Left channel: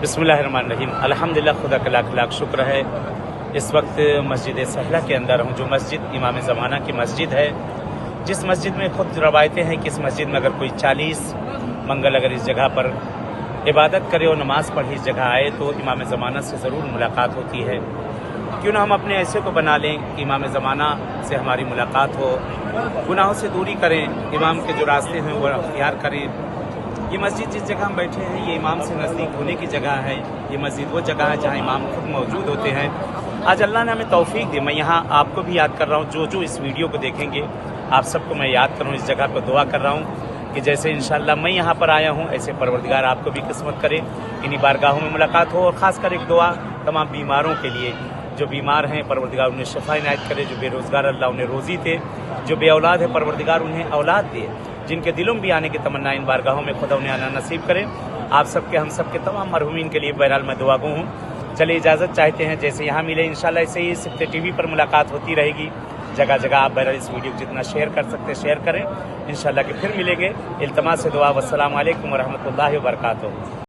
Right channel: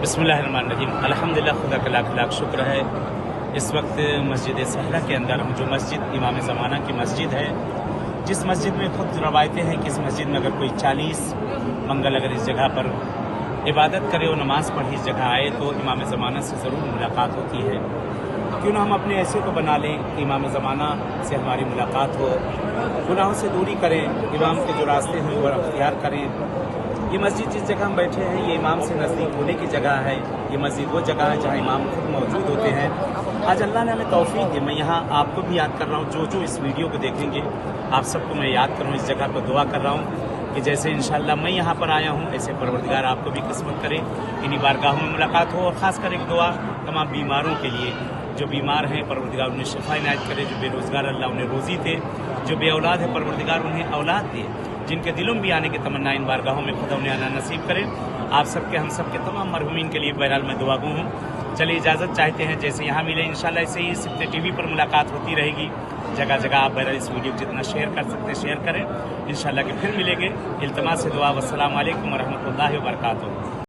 बिस्मिल्लाहिर्रहमानिर्रहीम। अल्हम्दुलिल्लाह, खुदा का लाख लाख शुक्र है। इस वक्त मस्जिद सहला के अंदर हूँ, जो मस्जिद इमाम ज़माना की मस्जिद है, जिस मस्जिद में खुद रवायतें हैं कि इस मस्जिद में अगर कोई 40 मंगल अगर इस जगह पर इबादत करे और नमाज पढ़े, इस जगह आए तो इमाम ज़माना से ज़रूर मुलाकात होती है। क्यों ना हम अपने ऐसे को बना लें कि इमाम ज़माना से हमारी मुलाकात हो, गुनाहों से दूरी करें, इमाम के जो रास्ते हैं वो अख्तियार करें। ये मस्जिद जिस जगह हम बैठे हैं, ये इमाम से नज़दीक होने की जगह है। ये मस्जिद वो जगह है जहाँ इमाम खुद मौजूद होते हैं। आज अल्लाह ने हमें तौफीक दी। मैं यहाँ आपको भी याद कर रहा हूँ, जो इस वीडियो को देखेंगे, आप सबको मैं याद कर रहा हूँ, इस जगह पर दुआ कर रहा हूँ कि जैसे इंशाअल्लाह मैं यहाँ पर आया हूँ, ऐसे परवरदिगार आपको भी किस्मत करे, इन्हीं बारगाहों में मुलाकात हो। और ख़ासकर एक दुआ तमाम बीमारों के लिए, जो बीमार हैं परवरदिगार उन्हें शिफा इनायत करे, जो बेरोज़गार अल्लाह उन्हें रोज़ी दे, जो बे औलाद है परवरदिगार उन्हें औलाद दे, जिनके दिलों में भी आने की तमन्ना इन बारगाहों में खुदा उन्हें आना नसीब करे। आप सबके, हम सबके तमाम मरहूमीन के लिए बहरहाल मैं दुआ गो हूँ। चलिए इजाज़त चाहते हैं, जैसे यहाँ मिले इंशाल्लाह ऐसे ही सिफ्ते टीवी पर मुलाकात होती रहेगी। जगह जगह आप बहरहाल इस वीडियो को जितना शेयर कर सकते हैं शेयर करें। इंशाल्लाह कि फिर मिलेंगे। इल्तमास से दुआ। वस्सलामु अलैकुम वरहमतुल्लाहि वबरकातुहू।